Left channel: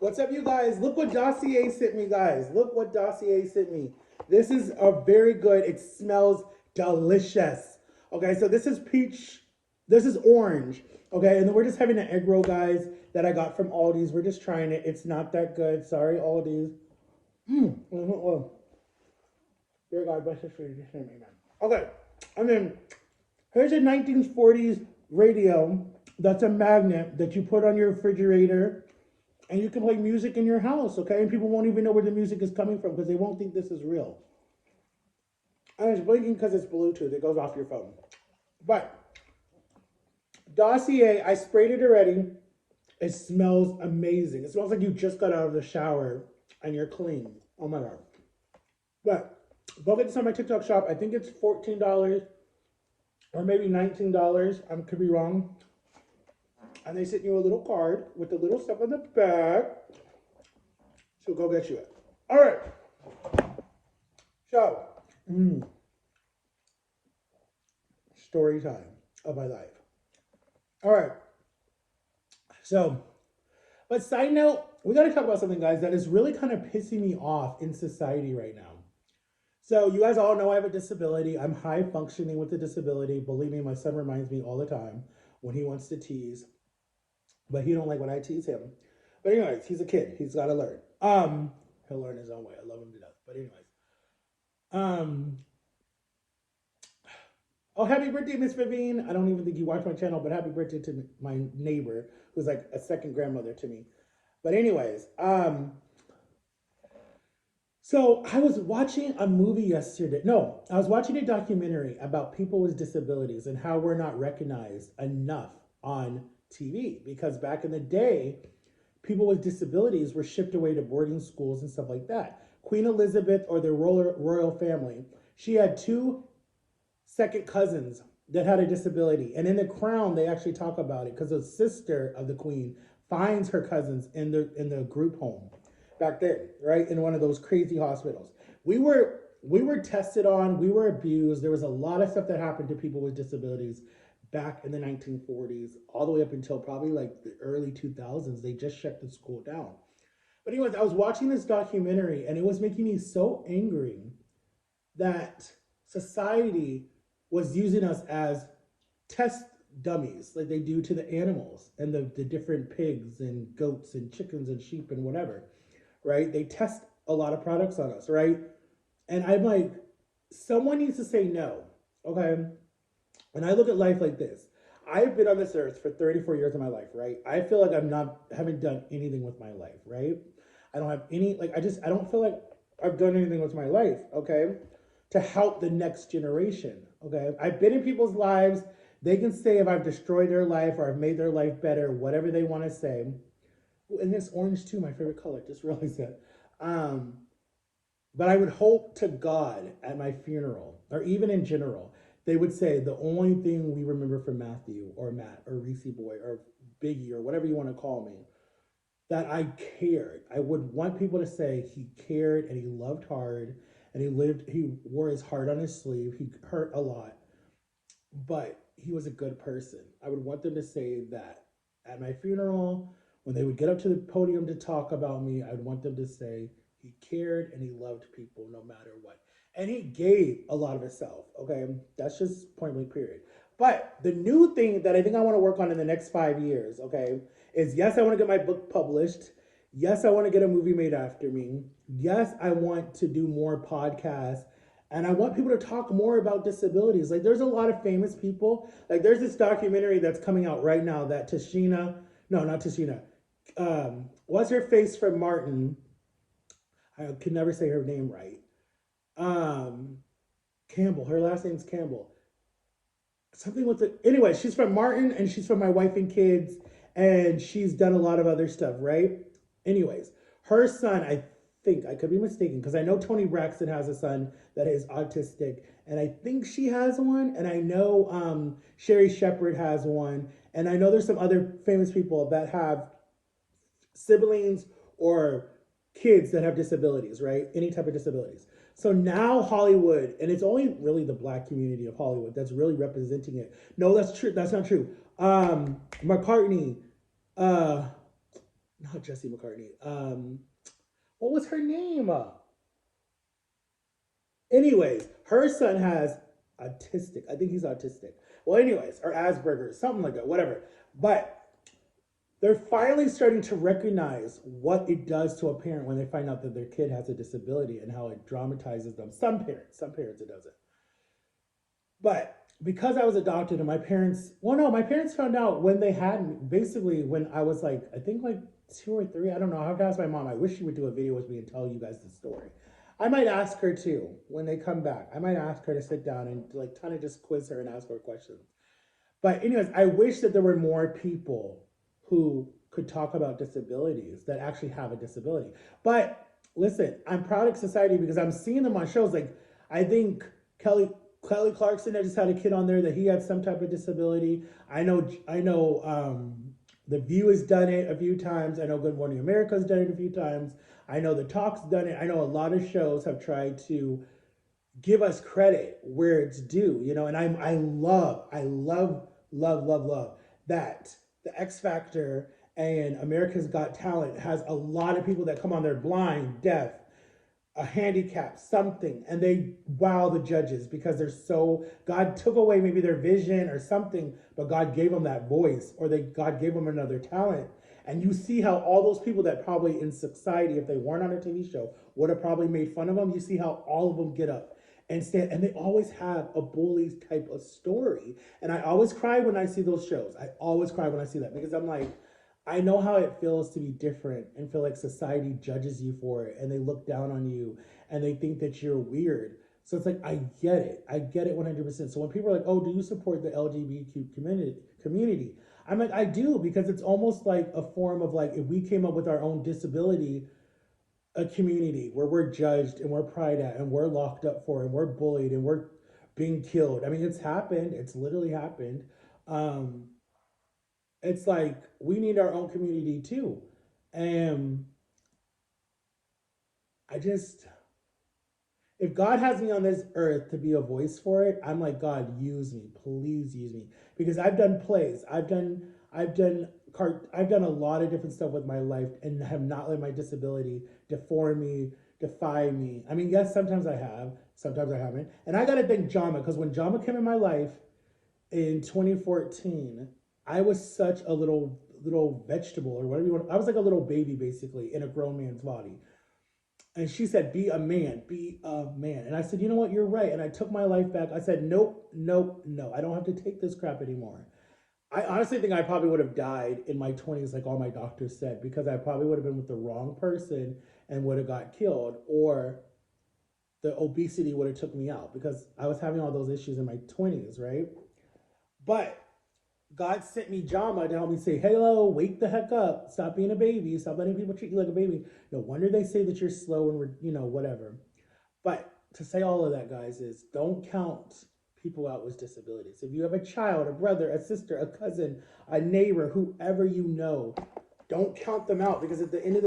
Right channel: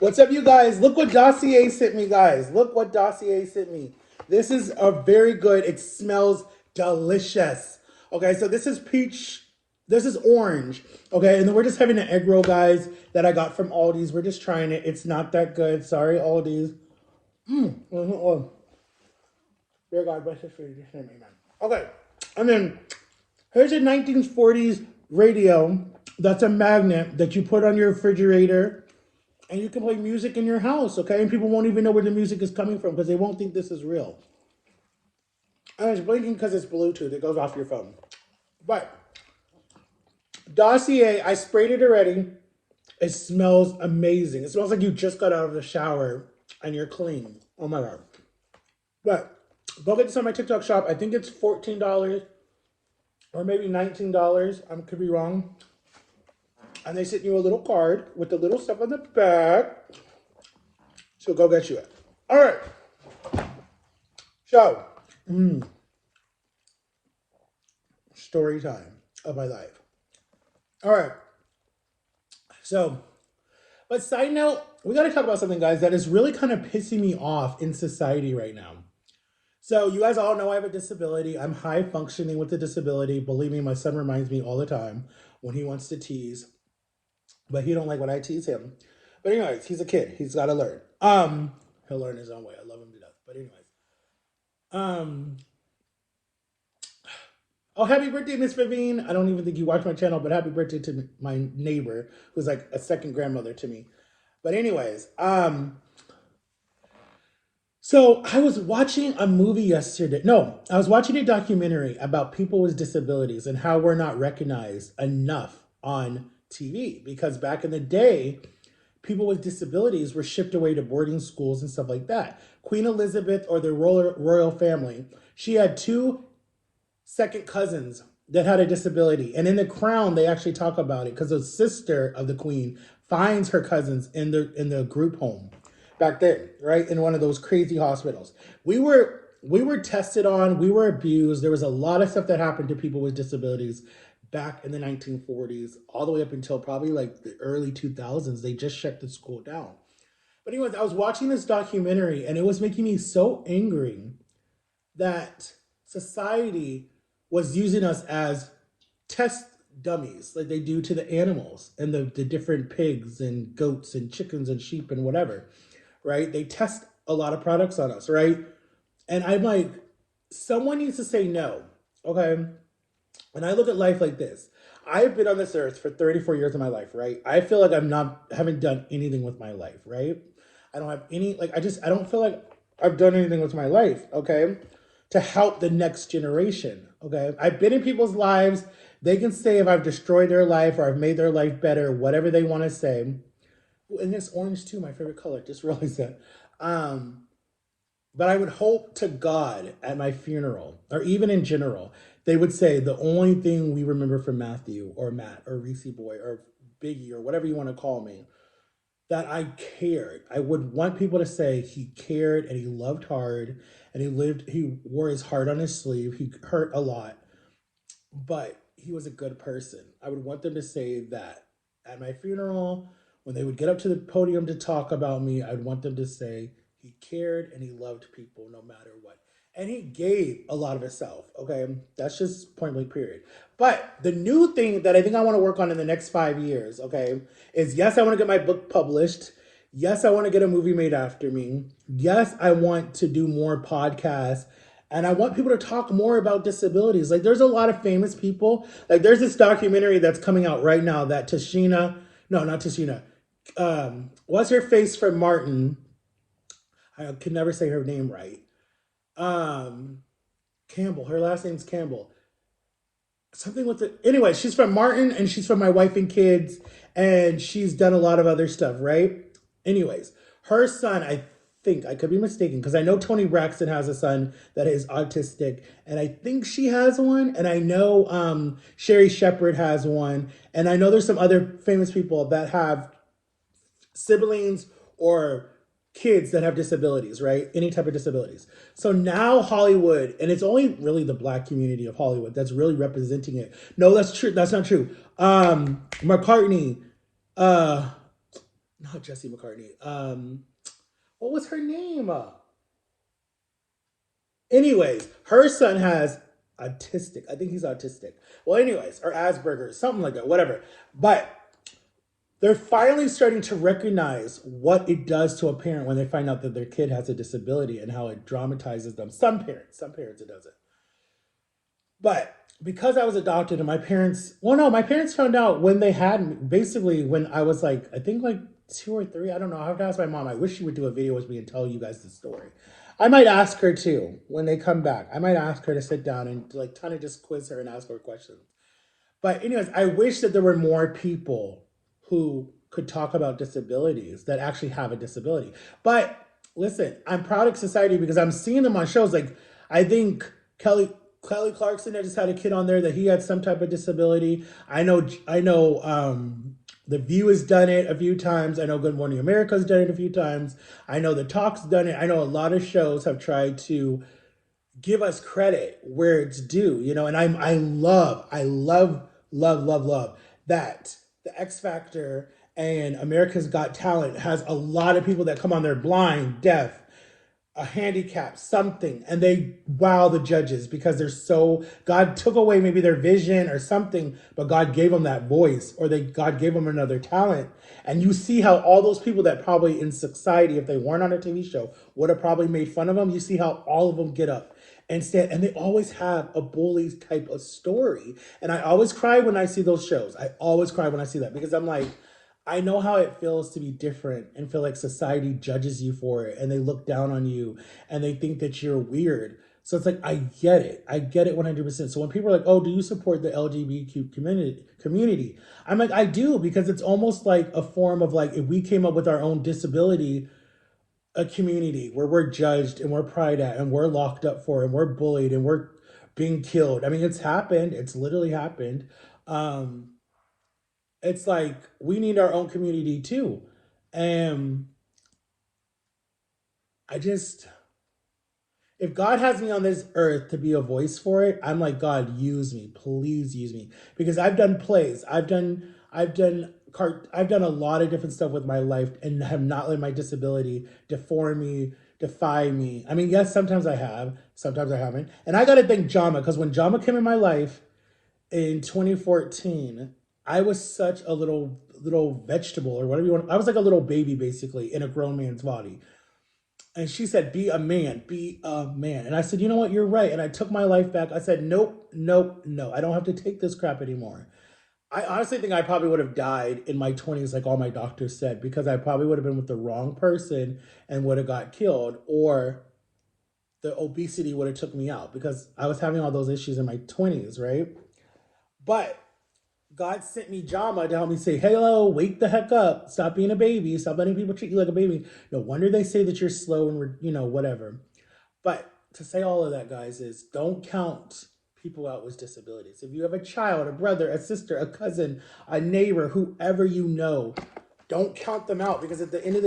What's up, you guys? Look what Dossier sent me, guys. Look what Dossier sent me. This is a very good. It smells delicious. Okay, so this is peach. This is orange. Okay, and then we're just having an egg roll, guys, that I got from Aldi's. We're just trying it. It's not that good. Sorry, Aldi's. Oh, dear God, bless his food. Just amen. Okay, and then here's a 1940s radio that's a magnet that you put on your refrigerator and you can play music in your house, okay? And people won't even know where the music is coming from because they won't think this is real. And it's blinking because it's Bluetooth. It goes off your phone. But Dossier, I sprayed it already. It smells amazing. It smells like you just got out of the shower and you're clean. Oh my God. But go get this on my TikTok shop. I think it's $14 or maybe $19. I could be wrong. And they sent you a little card with the little stuff on the back. So go get you it. All right. So, story time of my life. All right. So, but side note, we got to talk about something, guys, that is really kind of pissing me off in society right now. So, you guys all know I have a disability. I'm high functioning with a disability. Believe me, my son reminds me all the time when he wants to tease, but he don't like when I tease him. But anyways, he's a kid. He's got to learn. He'll learn his own way. I love him to death. But anyways, oh, happy birthday, Miss Vivian. I don't even think you watch my channel, but happy birthday to my neighbor, who's like a second grandmother to me. But anyways, so I was watching a movie yesterday. No, I was watching a documentary about people with disabilities and how we're not recognized enough on TV. Because back in the day, people with disabilities were shipped away to boarding schools and stuff like that. Queen Elizabeth, or the royal family, she had two second cousins that had a disability. And in The Crown, they actually talk about it because the sister of the queen finds her cousins in the group home back then, right? In one of those crazy hospitals. We were tested on, we were abused. There was a lot of stuff that happened to people with disabilities back in the 1940s, all the way up until probably like the early 2000s. They just shut the school down. But anyways, I was watching this documentary and it was making me so angry that society was using us as test dummies like they do to the animals and the different pigs and goats and chickens and sheep and whatever, right? They test a lot of products on us, right? And I'm like, someone needs to say no, okay? And I look at life like this. I've been on this earth for 34 years of my life, right? I feel like haven't done anything with my life, right? I don't have any, like, I don't feel like I've done anything with my life, okay? To help the next generation, okay? I've been in people's lives. They can say if I've destroyed their life or I've made their life better, whatever they want to say. And it's orange too, my favorite color. Just realized that. But I would hope to God at my funeral, or even in general, they would say the only thing we remember from Matthew or Matt or Reese Boy or Biggie or whatever you want to call me, that I cared. I would want people to say he cared and he loved hard and he wore his heart on his sleeve. He hurt a lot, but he was a good person. I would want them to say that at my funeral, when they would get up to the podium to talk about me, I'd want them to say he cared and he loved people no matter what. And he gave a lot of himself, okay? That's just point blank, period. But the new thing that I think I want to work on in the next 5 years, okay, is yes, I want to get my book published. Yes, I want to get a movie made after me. Yes, I want to do more podcasts. And I want people to talk more about disabilities. Like, there's a lot of famous people. Like, there's this documentary that's coming out right now that Tashina, no, not Tashina, what's her face from Martin? I can never say her name right. Campbell. Her last name's Campbell. Something with it. Anyway, she's from Martin and she's from My Wife and Kids, and she's done a lot of other stuff, right? Anyways, her son, I think, I could be mistaken, because I know Tony Braxton has a son that is autistic, and I think she has one, and I know Sherry Shepherd has one, and I know there's some other famous people that have siblings or kids that have disabilities, right? Any type of disabilities. So now Hollywood, and it's only really the Black community of Hollywood that's really representing it. No, that's true. That's not true. McCartney, not not Jesse McCartney. What was her name? Anyways, her son has autistic. I think he's autistic. Well, anyways, or Asperger's, something like that, whatever. But they're finally starting to recognize what it does to a parent when they find out that their kid has a disability and how it dramatizes them. Some parents it doesn't. But because I was adopted and my parents, well, no, my parents found out when they had me, basically when I was like, I think like 2 or 3, I don't know. I have to ask my mom. I wish she would do a video with me and tell you guys the story. I might ask her too when they come back. I might ask her to sit down and like kind of just quiz her and ask her questions. But anyways, I wish that there were more people who could talk about disabilities that actually have a disability. But listen, I'm proud of society because I'm seeing them on shows. Like I think Kelly Clarkson, I just had a kid on there that he had some type of disability. I know The View has done it a few times. I know Good Morning America's done it a few times. I know The Talk's done it. I know a lot of shows have tried to give us credit where it's due, and I love that the X Factor and America's Got Talent has a lot of people that come on there blind, deaf, a handicap, something, and they wow the judges because they're so, God took away maybe their vision or something, but God gave them that voice, or God gave them another talent. And you see how all those people that probably in society, if they weren't on a TV show, would have probably made fun of them. You see how all of them get up and stand, and they always have a bully type of story. And I always cry when I see those shows. I always cry when I see that because I'm like, I know how it feels to be different and feel like society judges you for it and they look down on you and they think that you're weird. So it's like, I get it. I get it 100%. So when people are like, oh, do you support the LGBTQ community? I'm like, I do, because it's almost like a form of like, if we came up with our own disability, a community where we're judged and we're pried at and we're locked up for and we're bullied and we're being killed. I mean, it's happened. It's literally happened. Um, it's like we need our own community too. And I just, if God has me on this earth to be a voice for it, I'm like, God, use me, please use me, because I've done plays, I've done a lot of different stuff with my life and have not let my disability deform me, defy me. I mean, yes, sometimes I have, sometimes I haven't, and I got to thank Jama, because when Jama came in my life in 2014, I was such a little vegetable or whatever you want. I was like a little baby basically in a grown man's body. And she said, be a man, be a man. And I said, you know what, you're right. And I took my life back. I said, nope, nope, no. I don't have to take this crap anymore. I honestly think I probably would have died in my 20s, like all my doctors said, because I probably would have been with the wrong person and would have got killed, or the obesity would have took me out because I was having all those issues in my 20s, right? But God sent me Jama to help me say, hello, wake the heck up. Stop being a baby. Stop letting people treat you like a baby. No wonder they say that you're slow and, whatever. But to say all of that, guys, is don't count people out with disabilities. If you have a child, a brother, a sister, a cousin, a neighbor, whoever you know, don't count them out, because at the end of the